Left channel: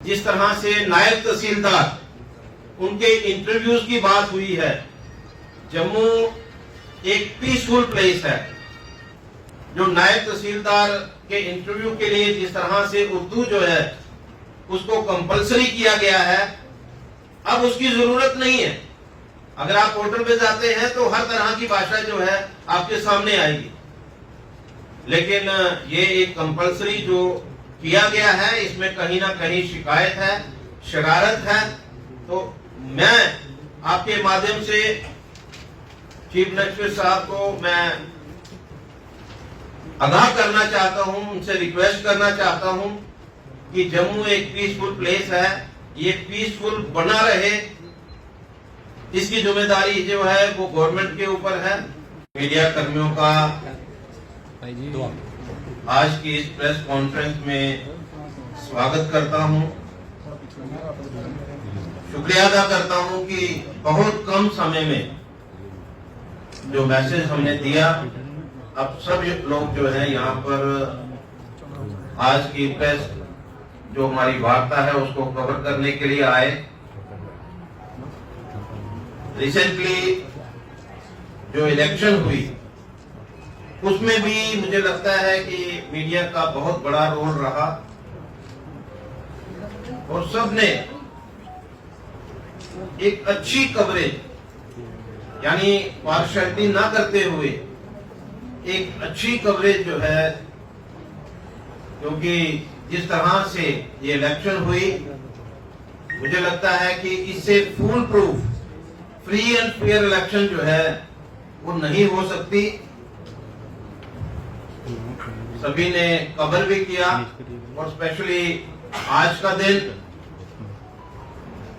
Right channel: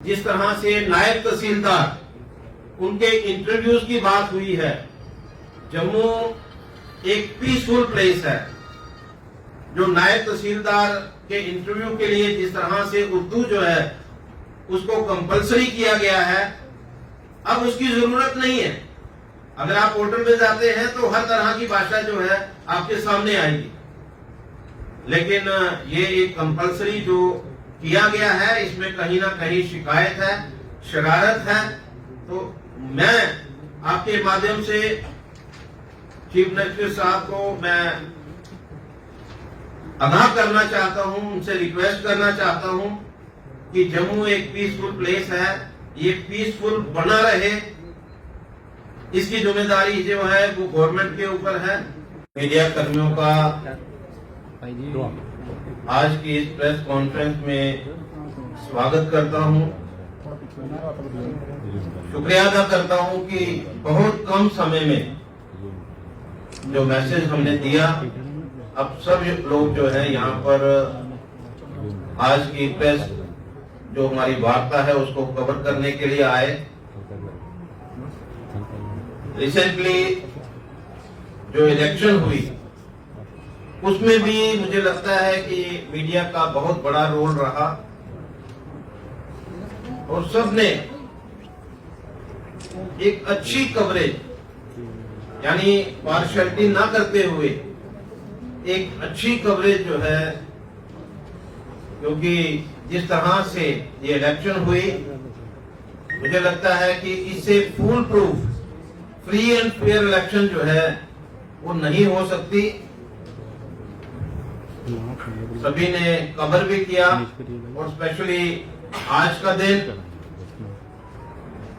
जिस तरह से नायब तहसीलदार उनके इंटरव्यूज की बात हुई है, जम्मू एक पीसफुल प्लेस है। जो नायब तहसीलदार के इंटरव्यू के लिए जिस तरह से उर्दू जो है उसको कंपलसरी किया गया है, अब उसकी जरूरत नहीं है। अगर आप पोर्टल पे जाते हैं तो हर तरह की भाषा जो है आपके सामने आएगी, लेकिन ये एक कंपलसरी जो किया गया है, इसमें कहीं ना कहीं शिकायत है, शरारत है। तो मैं आपके माध्यम से चीफ मिनिस्टर साहब को मैं आगाह करना चाहता हूं, उनसे रिक्वेस्ट करना चाहता हूं कि जम्मू एक पीसफुल प्लेस है, ये पीसफुल बना रहे, इसकी जिम्मेदारी जो है वो गवर्नमेंट के ऊपर है। मीडिया कर्मियों का आज की इस प्रेस कॉन्फ्रेंस में स्वागत करता हूं। शुक्रिया अदा करता हूं कि बहुत कम समय में जो मैसेज हमने दिया, अब सब लोग जो है यहाँ पर आज की प्रेस जो हमारी वार्ता है उसको कवर करने के लिए आए। रिसेंटली जो इलेक्शन हुई उसमें भी मुझे लगता है कि मीडिया का बहुत बड़ा रोल रहा और सबने एक अच्छी कवरेज, यानी पार्शियलिटी ना करते हुए एक अच्छी कवरेज जो है, क्योंकि जिस तरह से ये इलेक्शन हुई मुझे लगता है कि इससे full proof free and fair election जो है वो नहीं हो सकती। सभी ने कवर भी किया और स्पेशली आज का दिन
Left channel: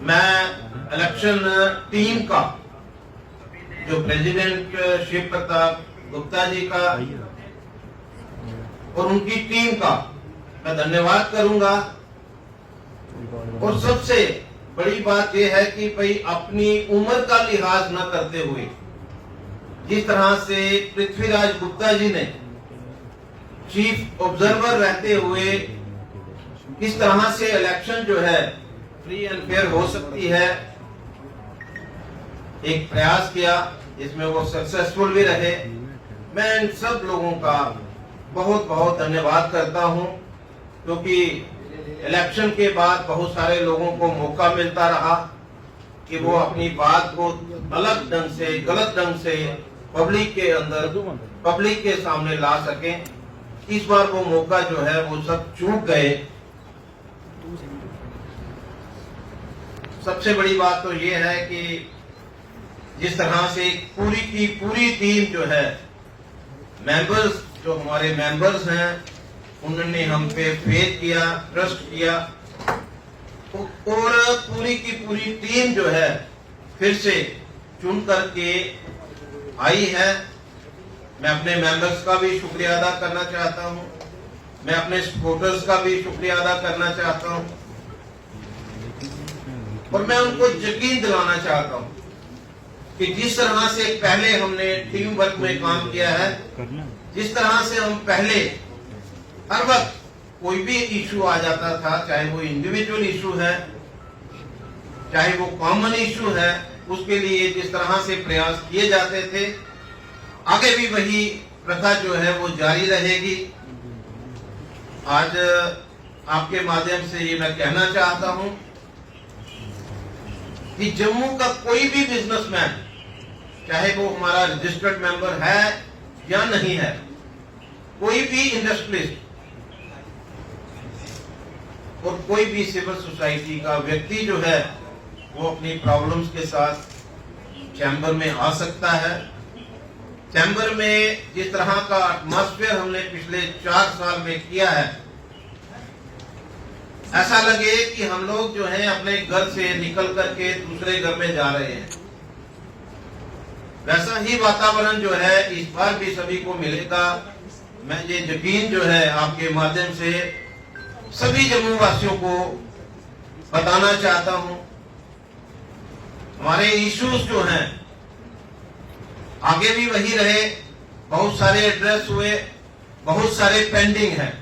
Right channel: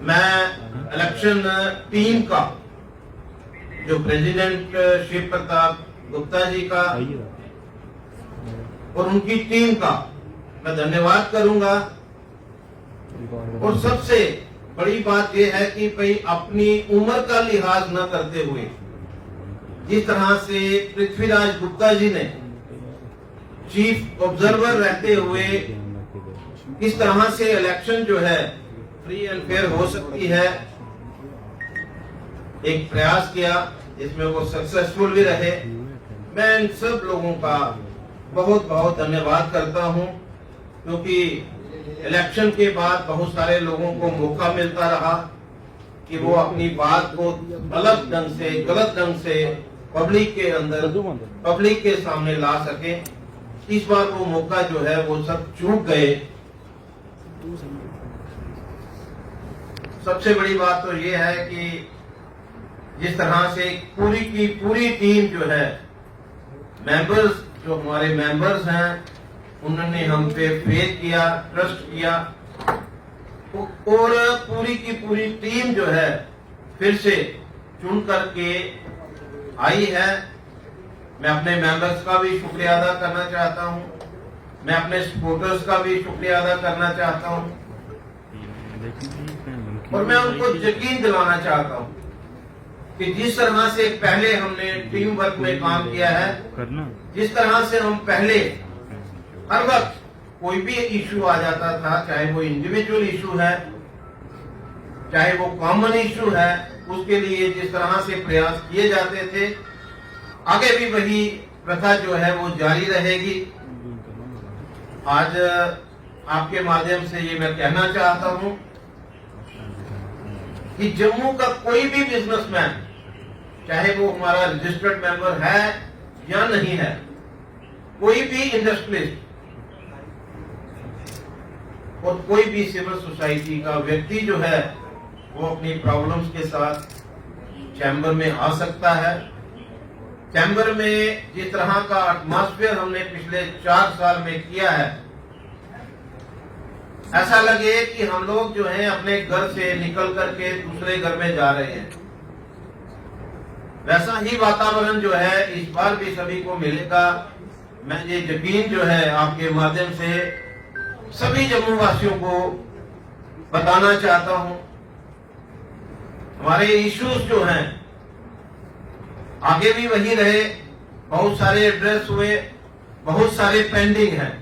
मैं इलेक्शन टीम का, जो प्रेसिडेंट शिव प्रताप गुप्ता जी का और उनकी टीम का मैं धन्यवाद करूंगा। और सबसे बड़ी बात यह है कि भाई अपनी उम्र का लिहाज न करते हुए जिस तरह से पृथ्वीराज गुप्ता जी ने चीफ ऑब्जर्वर रहते हुए किस तरह से इलेक्शन जो है फ्री एंड फेयर हो सकती है, एक प्रयास किया, इसमें वो सक्सेसफुल भी रहे। मैं इन सब लोगों का बहुत बहुत धन्यवाद करता हूं, क्योंकि इलेक्शन के बाद बहुत सारे लोगों को मौका मिलता रहा कि वो अपनी बात को अलग ढंग से, गलत ढंग से पब्लिक के अंदर, पब्लिक के सामने ला सकें। इस बार वो मौका जो है वो सब चूक गए। सबसे बड़ी बात तो ये है कि जिस तरह से पूरी की पूरी टीम जो है, मेंबर्स जो हमारे मेंबर्स हैं, उन्होंने हम पे फेथ किया, ट्रस्ट किया, और पूरी की पूरी टीम जो है फिर से चुन करके आई है। मैं अपने मेंबर्स का भी शुक्रिया अदा करना चाहता हूं, मैं अपने सपोर्टर्स का भी शुक्रिया अदा करना चाहता हूं, और मैं उनको यकीन दिलाना चाहता हूं कि जिस तरह से पहले हमने टीम वर्क में काम किया है, जिस तरह से हम पहले हर वक्त कोई भी इश्यू आ जाता था, चाहे वो इंडिविजुअल इश्यू है, चाहे वो कॉमन इश्यू है, उसके लिए जिस तरह से प्रयास किए जाते थे, आगे भी वही प्रथा जो है वो जारी रहेगी। आज आपके माध्यम से ये मैं कहना चाहता हूं कि जम्मू का कोई भी बिजनेसमैन, चाहे वो हमारा रजिस्टर्ड मेंबर है या नहीं है, कोई भी इंडस्ट्रियलिस्ट और कोई भी सिविल सोसाइटी का व्यक्ति जो है वो अपनी प्रॉब्लम्स के साथ चैम्बर में आ सकता है। चैम्बर में जिस तरह का एटमॉस्फेयर हमने पिछले 4 साल में किया है, ऐसा लगे कि हम लोग जो हैं अपने घर से निकल करके दूसरे घर में जा रहे हैं। वैसा ही वातावरण जो है इस बार भी सभी को मिलेगा। मैं ये यकीन जो है आपके माध्यम से सभी जम्मू वासियों को बताना चाहता हूं। हमारे इश्यूज जो हैं आगे भी वही रहे। बहुत सारे एड्रेस हुए, बहुत सारे पेंडिंग हैं,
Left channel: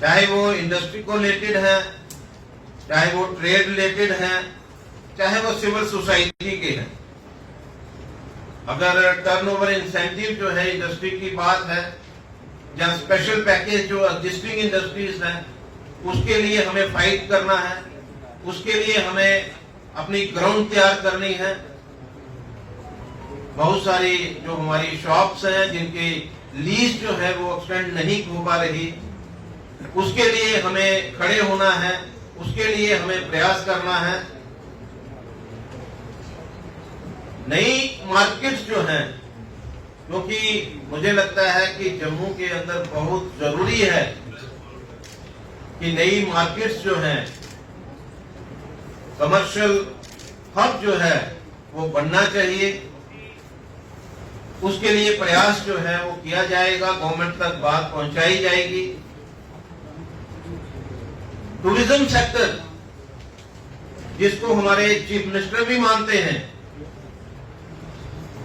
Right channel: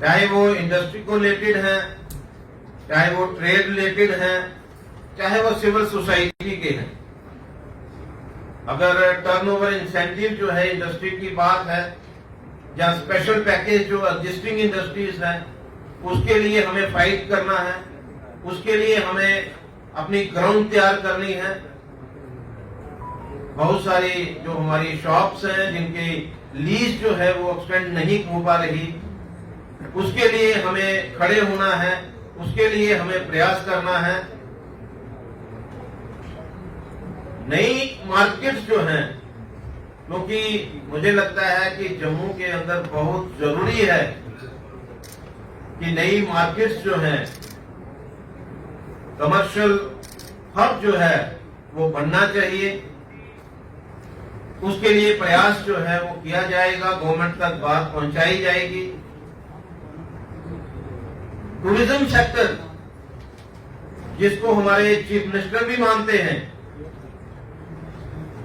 चाहे वो इंडस्ट्री को रिलेटेड है, चाहे वो ट्रेड रिलेटेड है, चाहे वो सिविल सोसाइटी के हैं। अगर टर्नओवर इंसेंटिव जो है इंडस्ट्री की बात है, या स्पेशल पैकेज जो एग्जिस्टिंग इंडस्ट्रीज है, उसके लिए हमें फाइट करना है, उसके लिए हमें अपनी ग्राउंड तैयार करनी है। बहुत सारी जो हमारी शॉप्स हैं जिनकी लीज जो है वो एक्सटेंड नहीं हो पा रही, उसके लिए हमें खड़े होना है, उसके लिए हमें प्रयास करना है। नई मार्केट्स जो हैं, क्योंकि मुझे लगता है कि जम्मू के अंदर बहुत जरूरी है कि नई मार्केट्स जो हैं, कमर्शियल हब जो है वो बनना चाहिए। उसके लिए प्रयास जो है वो किया जाएगा, गवर्नमेंट तक बात पहुंचाई जाएगी। टूरिज्म सेक्टर, जिसको हमारे चीफ मिनिस्टर भी मानते हैं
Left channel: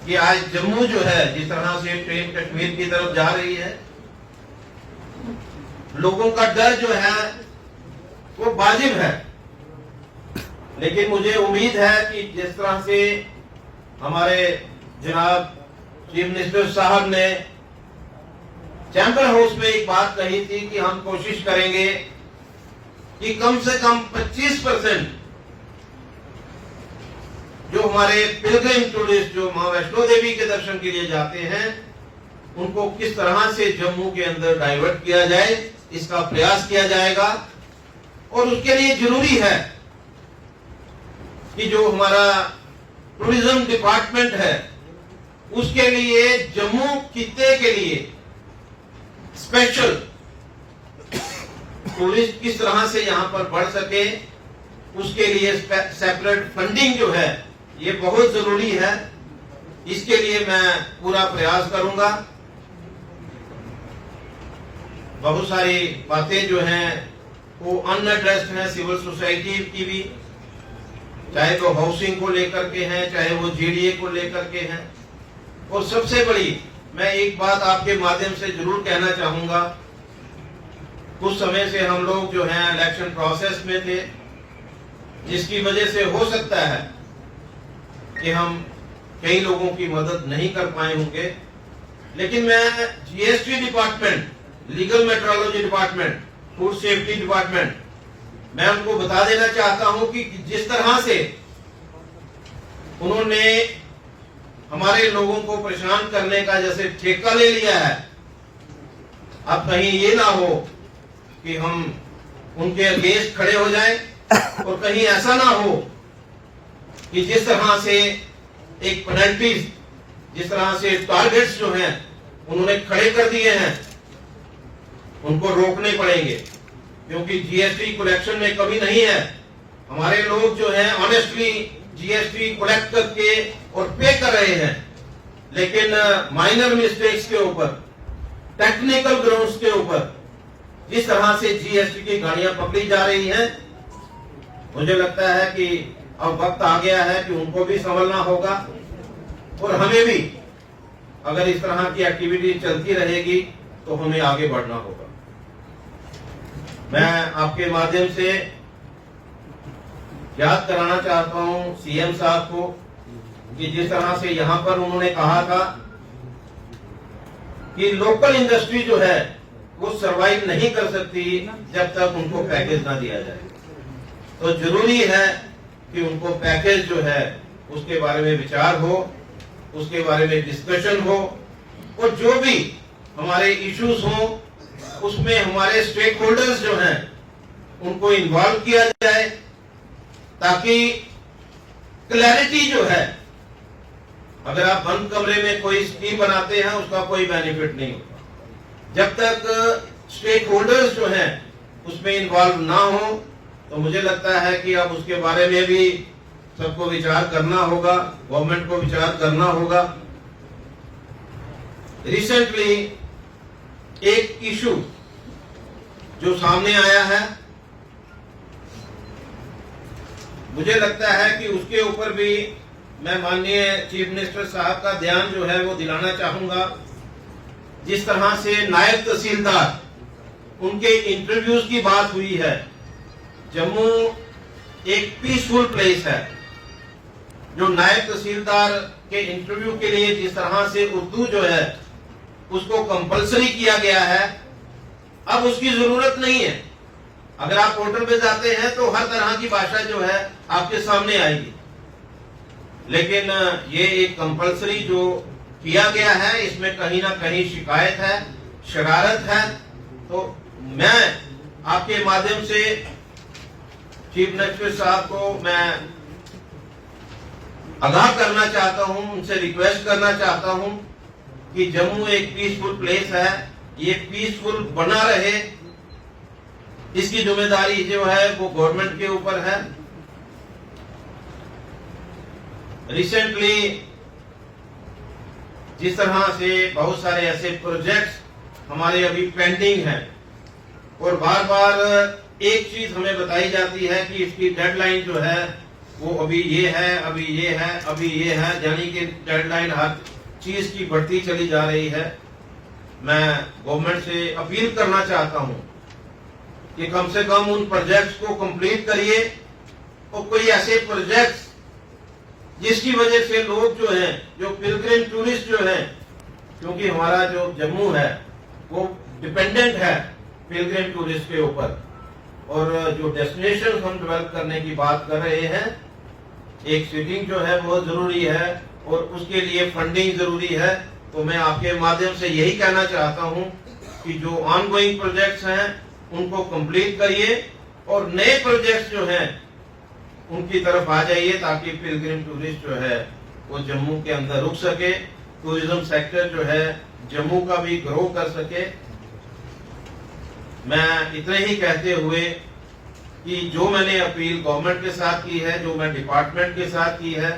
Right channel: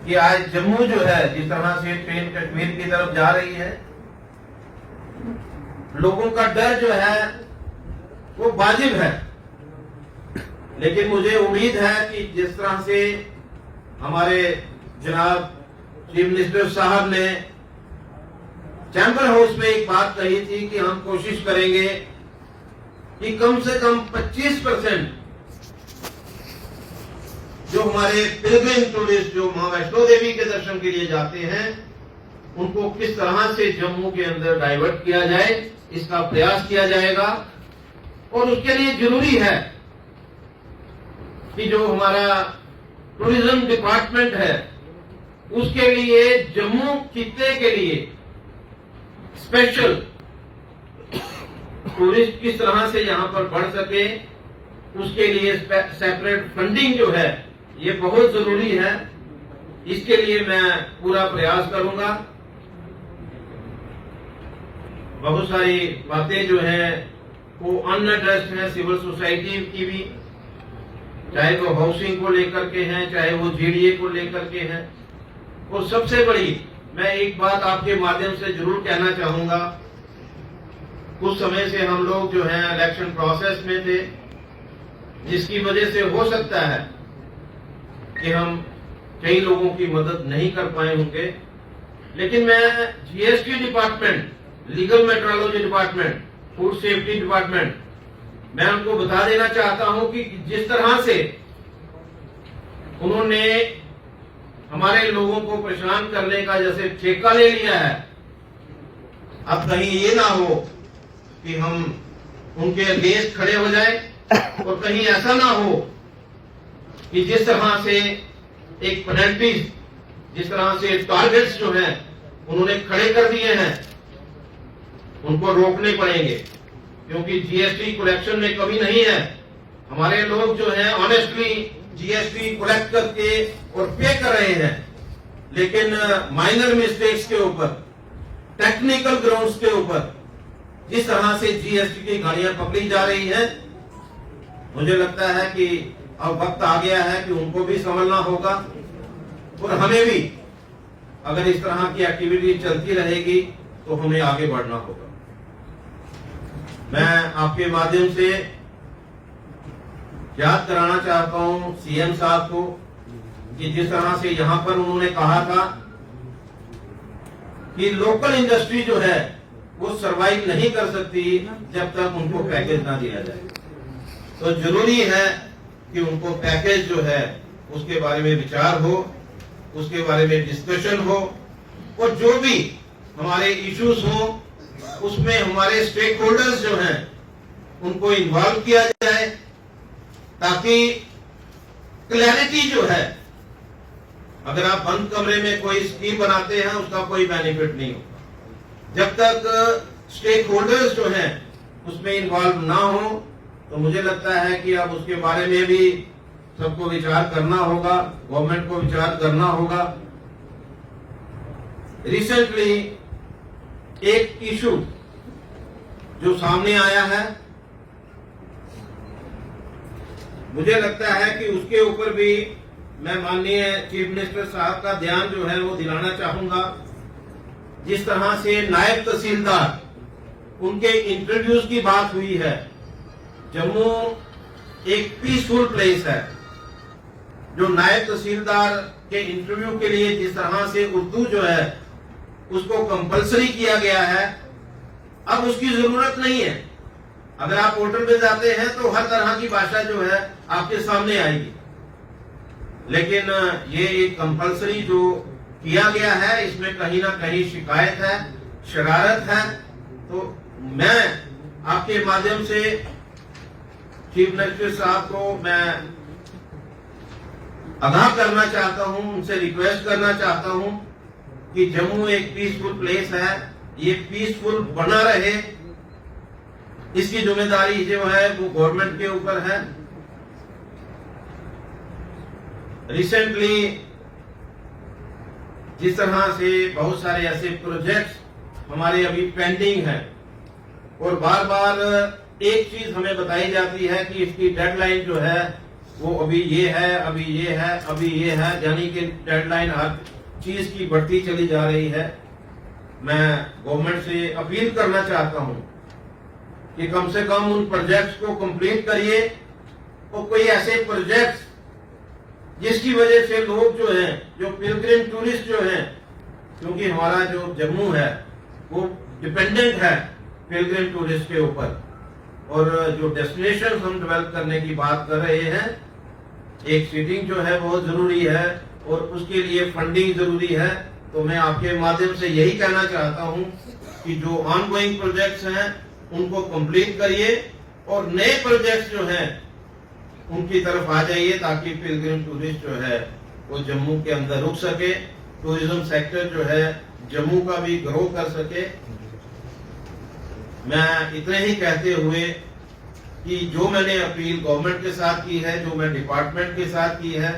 कि आज जम्मू जो है जिस तरह से ट्रेन कश्मीर की तरफ जा रही है, लोगों का डर जो है वो वाजिब है। लेकिन मुझे उम्मीद है कि जिस तरह से हमारे जनाब चीफ मिनिस्टर साहब ने चैम्बर हाउस में एक बात कही थी कि हम कोशिश करेंगे कि कम से कम 25% जो हमारे पिलग्रिम टूरिस्ट जो मां वैष्णो देवी के दर्शन के लिए जाते हैं, उनको किस तरह से जम्मू के अंदर डाइवर्ट किया जाए, इसका प्रयास किया जाएगा। और उसके लिए जरूरी है कि जो हमारा टूरिज्म डिपार्टमेंट है, उसके लिए जम्मू खित्ते के लिए स्पेशल टूरिस्ट किस तरह से यहां पर बढ़ सके, उसके लिए सेपरेट फंडिंग जो है ये बहुत जरूरी है। इसके लिए मैं पूरा प्रयास करूंगा। बहुत सारी बातें जो हैं वो अनएड्रेस्ड हैं सिविल सोसाइटी की भी, चाहे वो हाउसिंग को लेकर के हैं, चाहे वो जीडीए को लेकर के हैं। और सबसे बड़ी मैं एक बात आपके माध्यम से जरूर कहना चाहूंगा, कुछ समय से हम लोग जो हैं इलेक्शन प्रोसेस में थे, जिसकी वजह से हो सकता है कि हम कई लोगों की मदद नहीं कर पाए होंगे। लेकिन मैं GST department, legal metrology department, food safety department, मैं उनको बता देना चाहता हूं कि जिस तरह से उन्होंने हमारे लोगों को परेशान करने का जैसे ठेका ले लिया है, अब कहीं ये ना हो कि हम उनके अगेंस्ट खड़े हो जाए, और कहीं ऐसा ना हो कि जिस तरह से एक पेनल्टीज, जिस तरह से टारगेट्स जो हैं उन्होंने खड़े कर दिए हैं, उनको रोकने पड़ेंगे। क्योंकि जीएसटी कलेक्शन में कमी नहीं है, हमारे लोग जो हैं ऑनेस्टली जीएसटी कलेक्ट करके और पे कर रहे हैं। लेकिन माइनर मिस्टेक्स के ऊपर, टेक्निकल ग्राउंड्स के ऊपर जिस तरह से जीएसटी की गाड़ियां पकड़ी जा रही हैं, मुझे लगता है कि अब वक्त आ गया है कि उनको भी संभलना होगा, और हमें भी अगर इस तरह की एक्टिविटी चलती रहेगी तो हमें आगे बढ़ना होगा। मैं आपके माध्यम से याद कराना चाहता हूं सीएम साहब को कि जिस तरह से यहां पर उन्होंने कहा था कि लोकल इंडस्ट्री जो है वो सरवाइव नहीं कर सकती जब तक उनको पैकेज ना दिया जाए। तो जरूरी है कि उनको पैकेज जो है उसके बारे में विचार हो, उसके बारे में डिस्कशन हो, और जो भी हमारे इश्यूज हो उसमें हमारे स्टेक होल्डर्स जो हैं उनको इन्वॉल्व किया जाए, ताकि क्लैरिटी जो है, अगर आप बंद कमरे में कोई स्कीम बनाते हैं उसका कोई बेनिफिट नहीं होगा। जब तक स्टेक होल्डर्स जो हैं उसमें इन्वॉल्व ना हो, तो मुझे लगता है कि अब उसके बारे में भी सबको विचार करना होगा, गवर्नमेंट को विचार करना होगा। रिसेंटली एक इशू जो सामने आया है, मुझे लगता है कि उसके ऊपर भी मैं माननीय चीफ मिनिस्टर साहब का ध्यान जो है वो दिलाना चाहूंगा। जिस तरह से नायब तहसीलदार, उनके इंटरव्यूज की बात हुई है, जम्मू एक पीसफुल प्लेस है। जो नायब तहसीलदार के इंटरव्यू के लिए जिस तरह से उर्दू जो है उसको कंपलसरी किया गया है, अब उसकी जरूरत नहीं है। अगर आप पोर्टल पे जाते हैं तो हर तरह की भाषा जो है आपके सामने आएगी, लेकिन ये एक कंपलसरी जो किया गया है इसमें कहीं ना कहीं शिकायत है, शरारत है। तो मैं आपके माध्यम से चीफ मिनिस्टर साहब को मैं आगाह करना चाहता हूं, उनसे रिक्वेस्ट करना चाहता हूं कि जम्मू एक पीसफुल प्लेस है, ये पीसफुल बना रहे, इसकी जिम्मेदारी जो है वो गवर्नमेंट के ऊपर है। रिसेंटली जिस तरह से बहुत सारे ऐसे प्रोजेक्ट्स हमारे अभी पेंडिंग हैं और बार बार एक चीज हमें बताई जाती है कि इसकी डेडलाइन जो है वो अभी ये है, अभी ये है, अभी ये है, यानी कि डेडलाइन हर चीज की बढ़ती चली जा रही है। मैं गवर्नमेंट से अपील करना चाहता हूं कि कम से कम उन प्रोजेक्ट्स को कंप्लीट करिए और कोई ऐसे प्रोजेक्ट्स जिसकी वजह से लोग जो हैं, जो पिलग्रिम टूरिस्ट जो हैं, क्योंकि हमारा जो जम्मू है वो डिपेंडेंट है पिलग्रिम टूरिस्ट के ऊपर, और जो डेस्टिनेशन हम डेवलप करने की बात कर रहे हैं, एक सीटिंग जो है बहुत जरूरी है और उसके लिए फंडिंग जरूरी है। तो मैं आपके माध्यम से यही कहना चाहता हूं कि जो ऑनगोइंग प्रोजेक्ट्स हैं उनको कंप्लीट करिए और नए प्रोजेक्ट्स जो हैं उनकी तरफ आ जाइए, ताकि पिलग्रिम टूरिस्ट जो है वो जम्मू के अंदर रुक सके, टूरिज्म सेक्टर जो है जम्मू का भी ग्रो कर सके। मैं इतने ही कहते हुए कि जो मैंने अपील गवर्नमेंट के साथ की है, जो मैं डिपार्टमेंट के साथ की है,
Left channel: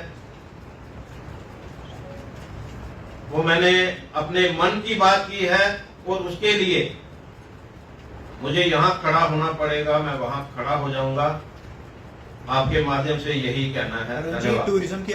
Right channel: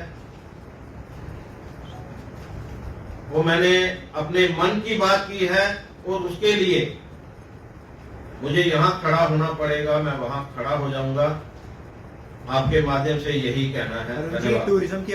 वो मैंने अपने मन की बात की है और उसके लिए मुझे यहां खड़ा होना पड़ेगा, मैं वहां खड़ा हो जाऊंगा। आपके माध्यम से यही कहना है। धन्यवाद। टूरिज्म की